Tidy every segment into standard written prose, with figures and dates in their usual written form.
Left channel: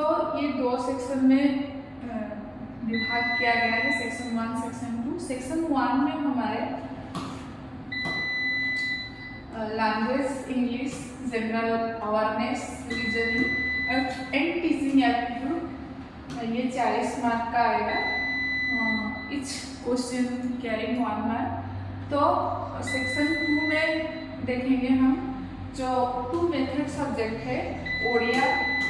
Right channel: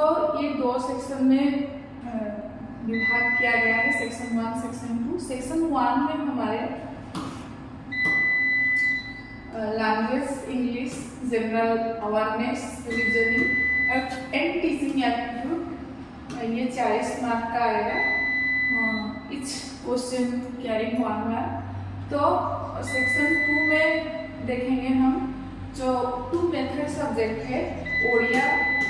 तो ये दो सेक्शन में विभाग किया गया है, सेक्शन 1 सेक्शन 2। सेक्शन 1 में हमारे language, English, general awareness, reasoning and teaching aptitude, ये 40 मार्क का आएगा। Each question carrying 1 mark. तो सेक्शन 2 में देखेंगे हम जो 2 मेथड सब्जेक्ट है, ओडिया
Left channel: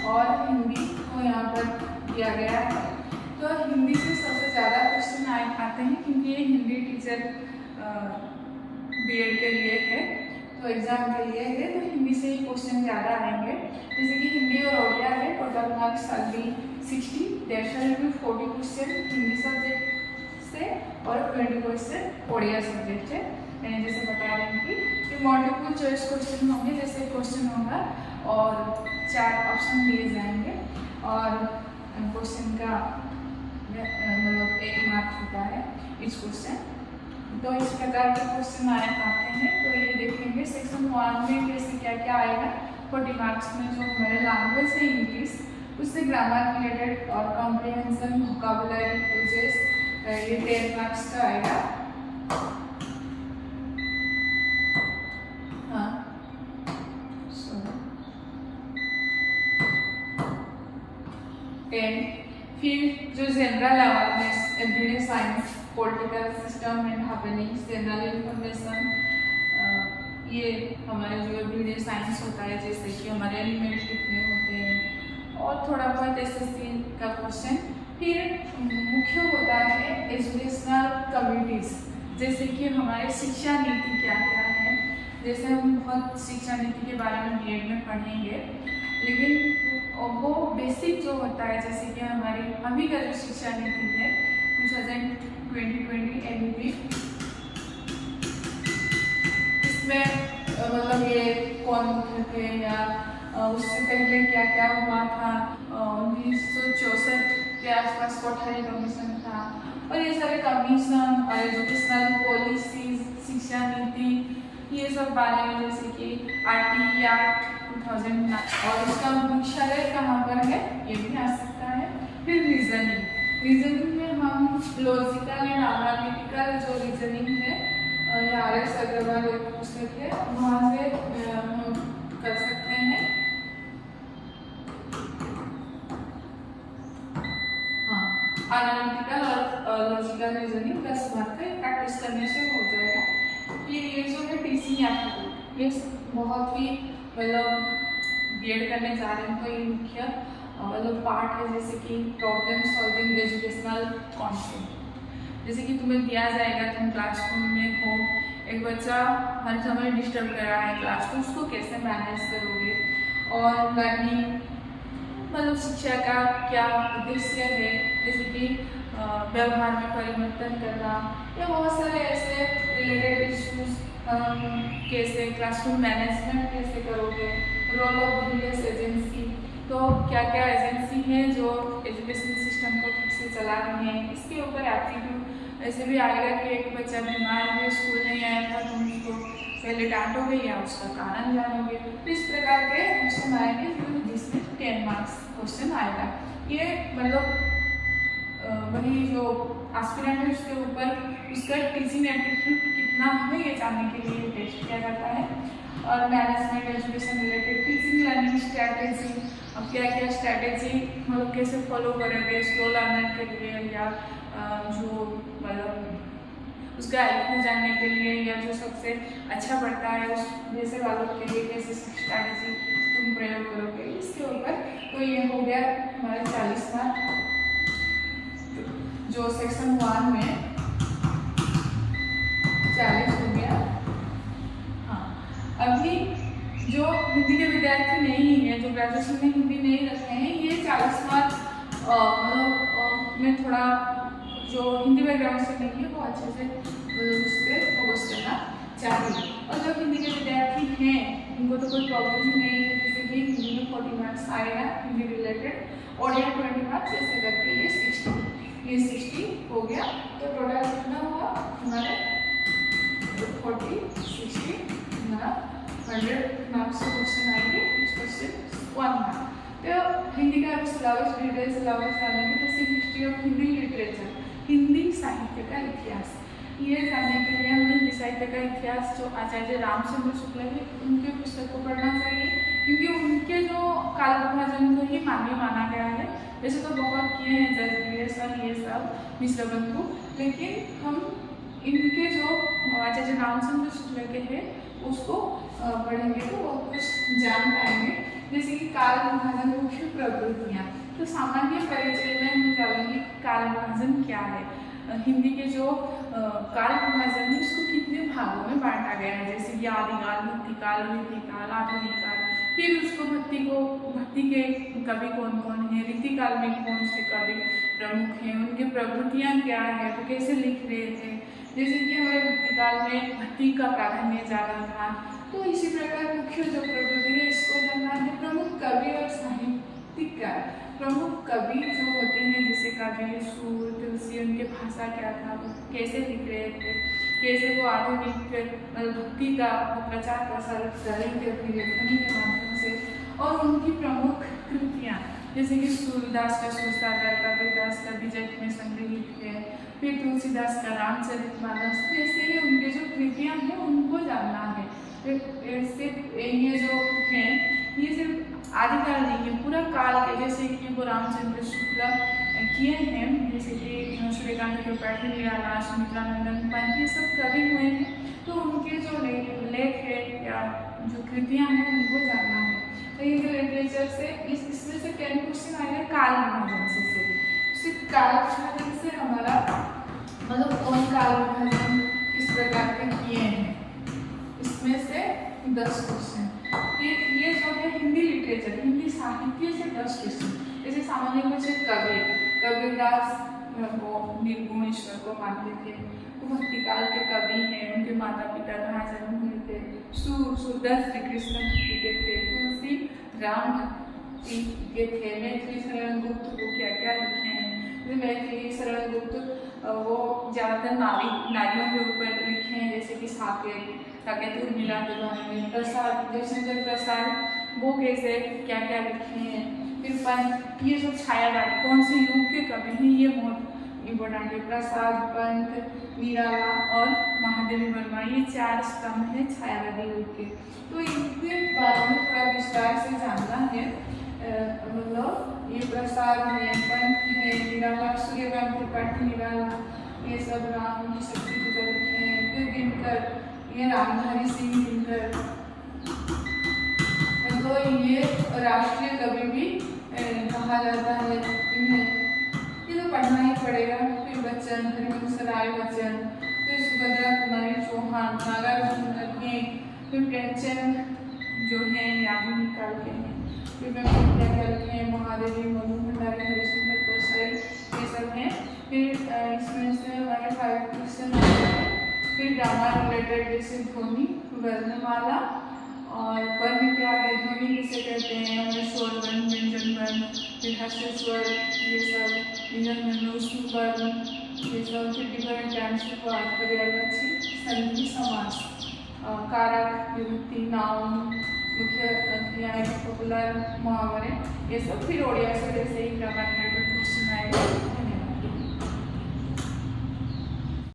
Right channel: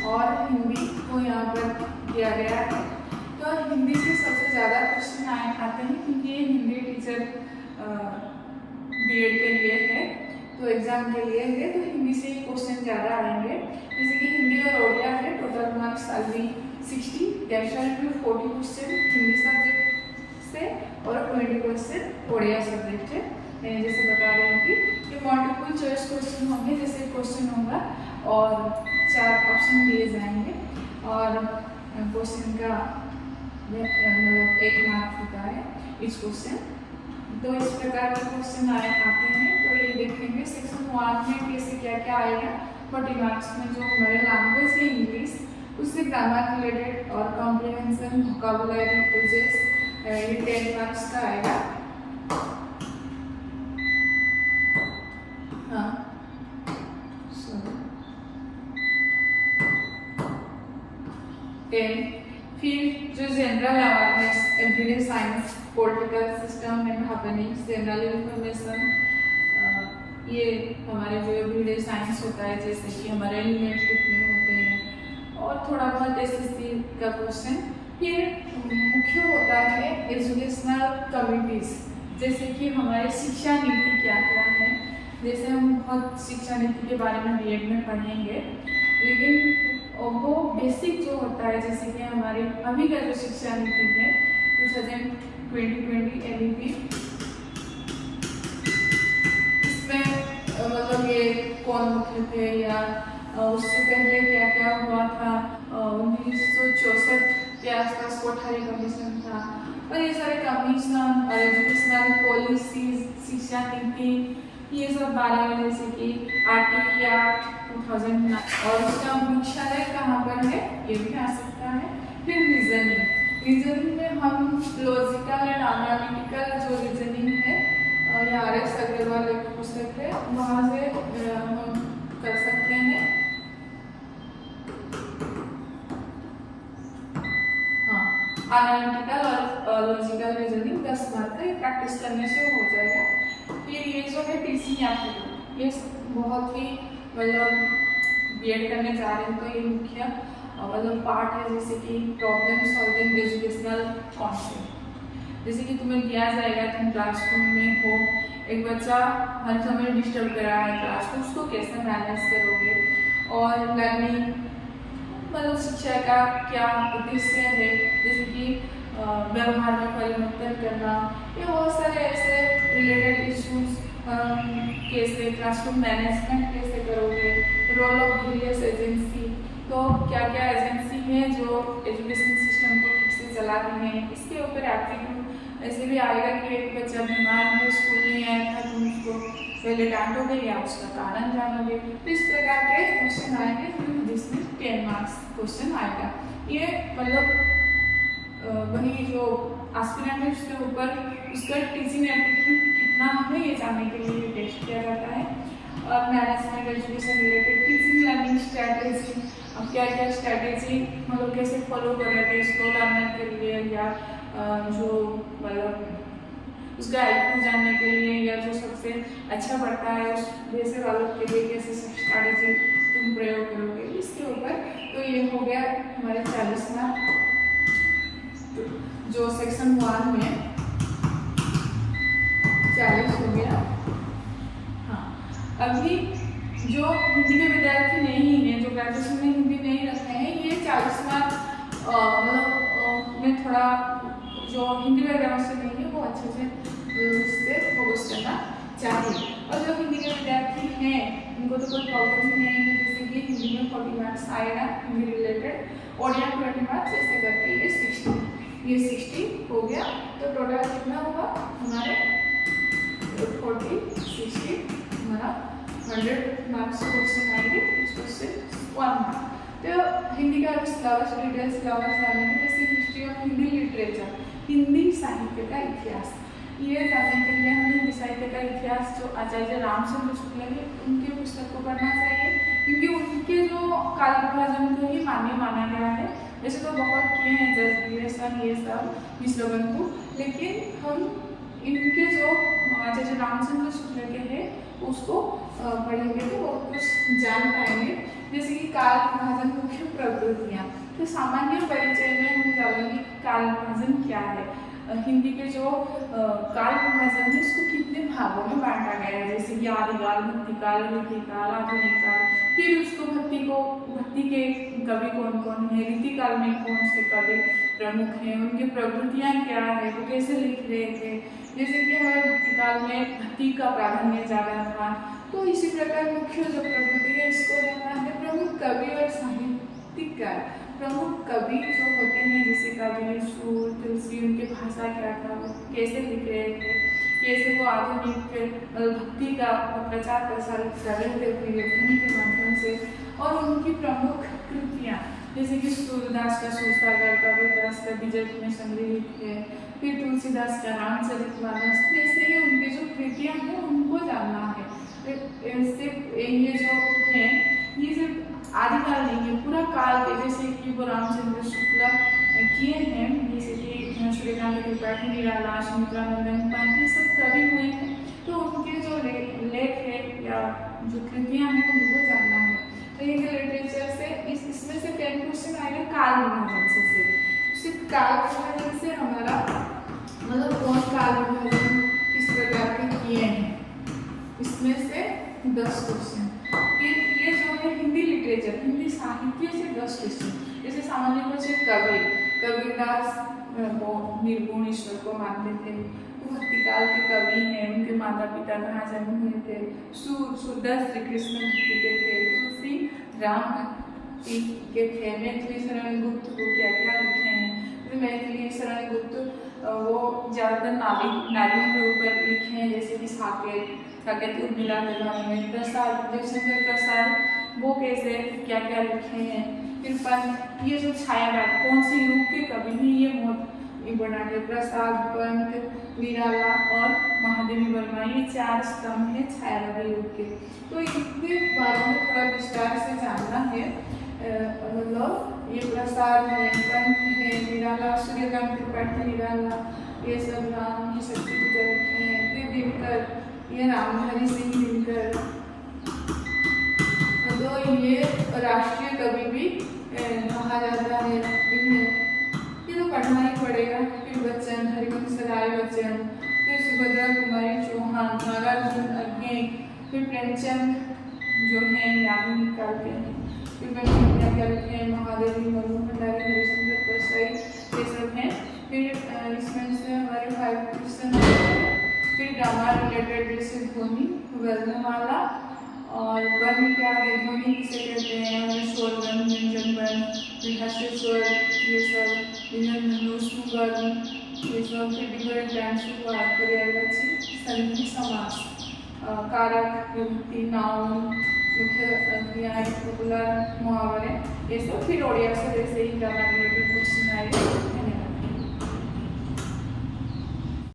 और हिंदी को यहाँ पर दिया गया है। तो हिंदी से सबसे ज़्यादा क्वेश्चन आते हैं क्योंकि ये हिंदी टीचर बीएड के लिए है, तो एग्जाम के लिए है, तो हिंदी से ही क्वेश्चन ज़्यादा आएंगे। जैसे कि हिंदी और ओडिया है, total marks are be 60, there shall be 40 question Hindi subject से और 20 क्वेश्चन ओडिया सब्जेक्ट है। जैसे बता रहे हैं कि मल्टीपल चॉइस क्वेश्चन होंगे, जैसे क्वेश्चन होगा और 4 ऑप्शन दिए जाएंगे और क्वेश्चन का मतलब 1 मार्क होता है इस क्वेश्चन। तो इस प्रकार के क्वेश्चन आते हैं। तो ये देखेंगे सेक्शन 1 में कैसे क्या क्या आएगा। 40 मार्क्स में जो हमारे लैंग्वेज है इंग्लिश, उससे ग्रामर रिलेटेड और कॉम्प्रिहेंशन, वोकैबुलरी, यूजेस, ये 10 मार्क्स का आएगा। फिर जो general awareness, everyday science, political system and happenings, general information, ये हमारे जो एवरीडे साइंस होता है, जैसे कि हमारे एलिमेंट कितने होते हैं और थोड़ा बहुत एसएससी का क्वेश्चन। फिर मुख्य होता है एजुकेशनल कम्युनिटीज़, जैसे कि हमारे शिक्षा नीति क्या क्या है। जैसे हम बहुत शिक्षा नीति के बारे में बीएड में पढ़ेंगे, लेकिन वो बेसिक जो होता है, जैसे कि हमारी अभी का जो शिक्षा नीति है 2020 एलईपी, इसमें मतलब ये कौन मुख्य थे या उससे पहले क्या क्या हुआ था। 1964 के आसपास कोठारी कमीशन था और ये सारे कमीशन और एजुकेशनल पॉलिसीज, शिक्षा नीति, ये सब बारे में, जैसे कि आरटी या 2009 और इसका मुख्यालय कहाँ पर है ये भी आ सकता है। फिर रीजनिंग में हम लॉजिकल एंड एनालिटिकल जो रीजनिंग है, या RS अग्रवाल एक पुस्तक है, वहाँ से हम कर सकते हैं। हाँ, एनालिटिकल और लॉजिकल रीजनिंग 10 मार्क का, ये प्रैक्टिस करने से हो जाएगा। फिर ये जो है टीचिंग एप्टीट्यूड, ये बहुत ही मतलब बीएड करने जा रहे हैं तो ये मुख्य मतलब पार्ट है। जैसे कि प्रॉब्लम सॉल्विंग, एजुकेशनल कॉन्सेप्ट, जैसे कि तुम्हें दिया जाएगा, तुम क्लासरूम में हो, एक बच्चा हर समय डिस्टर्ब कर रहा है क्लास को, उसको कैसे मैनेज करोगे। और लर्निंग मतलब शिक्षा का क्या उद्देश्य है, जैसे कि व्यवहार में परिवर्तन करना, ये बहुत सारे ऐसे रिलेटेड इश्यूज, कैसे क्लासरूम मैनेजमेंट कैसे करोगे, रोल ऑफ वेरियस एजेंसी, तो क्या क्या एजेंसी हैं जो एजुकेशन सिस्टम को ठीक से चला रही हैं, इसके ऊपर एप्टीट्यूड। ऐसे भी आएगा कि एक बच्चा बीमार है, स्कूल नहीं आया था, तुम उसको पहले डांटोगे या उसका कारण जानोगे। तो इस प्रकार के क्वेश्चन आएंगे जिसमें 10 मार्क्स क्वेश्चन आएगा। ये मतलब वही जो एस्पिरेंट है उसके ऊपर उसका टीचिंग एप्टीट्यूड कितना है ये जानने के लिए टेस्ट किया जाता है। और management, education related, teaching learning strategy, अब क्या क्या स्ट्रैटेजी मतलब कैसे फॉलो करोगे स्लो लर्नर के लिए, या जो मतलब उसका आईक्यू जानने के लिए, या जो सबसे अच्छा पढ़ता है उस जैसे वालों के लिए कैसे स्ट्रैटेजी तुम प्रयोग करोगे, इसके ऊपर। तो ये हो गया हमारे 40 मार्क जो सेक्शन 1 में 40 हो गया। हाँ, अभी जो हिंदी के विद्यार्थी नहीं हैं, जो ग्रेजुएशन में हिंदी नहीं रखते हैं, ये 40 मार्क मतलब में थोड़ा जो हिंदी बैकग्राउंड से नहीं है वो अच्छे से उससे फोकस करना चाहिए। और जो हिंदी के विद्यार्थी हैं उनको तो कोई प्रॉब्लम ही नहीं है, जैसे कि हिंदी में 40 मार्क्स आएगा हिंदी रिलेटेड, ओडिया 20 मार्क्स, ऐसे करके ये 60 हो गया। तो टोटल कितना हुआ हमारे 40 60 हमारा 100 मार्क्स क्वेश्चन आएंगे इस क्वेश्चन 1 मार्क। तो हिंदी का सिलेबस डिटेल सिलेबस डालेंगे, जैसे history of Hindi literature, Hindi साहित्य का इतिहास। ये जानने के लिए हमें हिंदी साहित्य का इतिहास जो आचार्य रामचंद्र शुक्ल है उनके पुस्तक को पढ़ना चाहिए, क्योंकि उनके जो काल विभाजन को ही मान्य माना गया है। वैसे तो बहुत किए हैं जज ये सब मिश्र बंधु, लेकिन हम इनके जो आचार्य रामचंद्र शुक्ल के हैं उसको पढ़ेंगे तो बहुत कुछ जान पाएंगे। जैसे कि काल विभाजन मुख्य प्रवृत्तियाँ, तो सामान्य परिचय में हम जानेंगे काल विभाजन क्या है। हिंदी के जो काल विभाजन है उसको कितने भागों में बांटा गया है, जैसे कि आदिकाल, भक्तिकाल, रीतिकाल, आधुनिक काल। फिर उसको भक्ति के कवि कौन कौन है, रीतिकाल में कौन से कवि प्रमुख हैं, उनकी प्रवृत्तियाँ क्या है, वो कैसे लिख रहे थे। जैसे कि हमारे भक्तिकाल में भक्ति का प्राधान्य ज़्यादा था, तो इसी प्रकार मुख्य जो प्रवृत्ति है इसको जानना है। प्रमुख कवि और साहित्यकार, प्रमुख कवि जो होते हैं जैसे कबीर, सूर, तुलसी, उनके भाषा क्या था, वो कैसे लिख रहे थे, कैसे वो आधुनिक भक्ति का प्रचार प्रसार कर रहे थे अपनी लेखनी के माध्यम से। और उनकी प्रमुख कृतियाँ जैसे कि सूरदास का सूरसागर, कबीरदास का विजय में संग्रहित है, फिर तुलसीदास का रामचरितमानस, जैसे ही उनके जो कृतियाँ हैं उनको जानना है। सिर्फ ये जो हैं ये सिर्फ आदिकाल नहीं है, पूरा काल के, जैसे कि वो रामचंद्र शुक्ल किए हैं, जैसे कि सूर्यकांत त्रिपाठी, निराला, सुमित्रानंदन पंत, ये सब कवि हुए हैं। तो उनके जो लेख है या जो कृतियाँ हैं उनको जानना है। तो ये लिटरेचर से इसमें से 10 क्वेश्चन आएगा काल विभाजन से भी। सिर्फ काल विभाजन से हमारा मतलब कौन काल विभाजन किस प्रकार के किए हैं, इसमें से 10 क्वेश्चन। ये जो है हिंदी लिटरेचर, हिंदी साहित्य से 10 क्वेश्चन। जैसे सामान्य क्वेश्चन कबीरदास वो निर्गुण ईश्वर को मानते थे, तो भक्तिकाल के कवि हैं, उनके माता पिता कहाँ जन्म हुए थे। सूरदास श्री कृष्ण भक्ति के थे, तुलसी राम भक्ति के थे, मैथिली शरण गुप्त को क्या क्या लिखे हैं। जैसे मैथिली शरण गुप्त वो ज़्यादातर नारियों के ऊपर लिखे हैं, जैसे कि साकेत उर्मिला के बारे में, प्रसाद जयशंकर प्रसाद वो कैसे क्या क्या लिखे हैं। फिर पंत, ये जो छायावाद कौन से युग के कवि हैं ये बहुत इम्पोर्टेंट है। प्रसाद, पंत, निराला और महादेवी वर्मा, ये 4 स्तंभ है छायावादी युग के। तो इनके बारे में थोड़ा विस्तार से जानना है। मतलब ये प्रसाद है, पंत है, निराला, सूर्यकांत त्रिपाठी निराला, ये सब राम की शक्ति पूजा लिखे हैं। फिर दिनकर, ये रामधारी सिंह दिनकर, तो ये राष्ट्रीय कवि भी कहा जाता है इन्हें, ये तो पढ़ना ही पड़ेगा। फिर बच्चन, हरिवंश राय बच्चन, फिर सुभद्रा कुमारी चौहान, नागार्जुन अज्ञे, फिर प्रेमचंद जो हैं आधुनिक काल के हैं। फिर मैं क्या लिखे हैं, महादेवी, मनु भंडारी, हरिशंकर परसाई, ये सब हैं। फिर इसमें से हमारे 5 क्वेश्चन आते हैं। फिर ड्रामा रिलेटेड जैसे ध्वनि, वर्णमाला और वर्ण क्या है, ध्वनि किसे कहते हैं, हमें स्वर वर्ण, व्यंजन वर्ण, फिर हास्य स्वर, ये सब विनम्र वर्ण, ये सब। फिर डिफरेंट टाइम्स ऑफ पर्यायवाची, संधि, समास, कारक, विभक्ति, नाउन, मुख्य क्रियाएं, पॉपुलर, मुहावरे, ये सब। फिर ओडिया से जैसे ही ग्रामर रिलेटेड क्वेश्चन आएगा।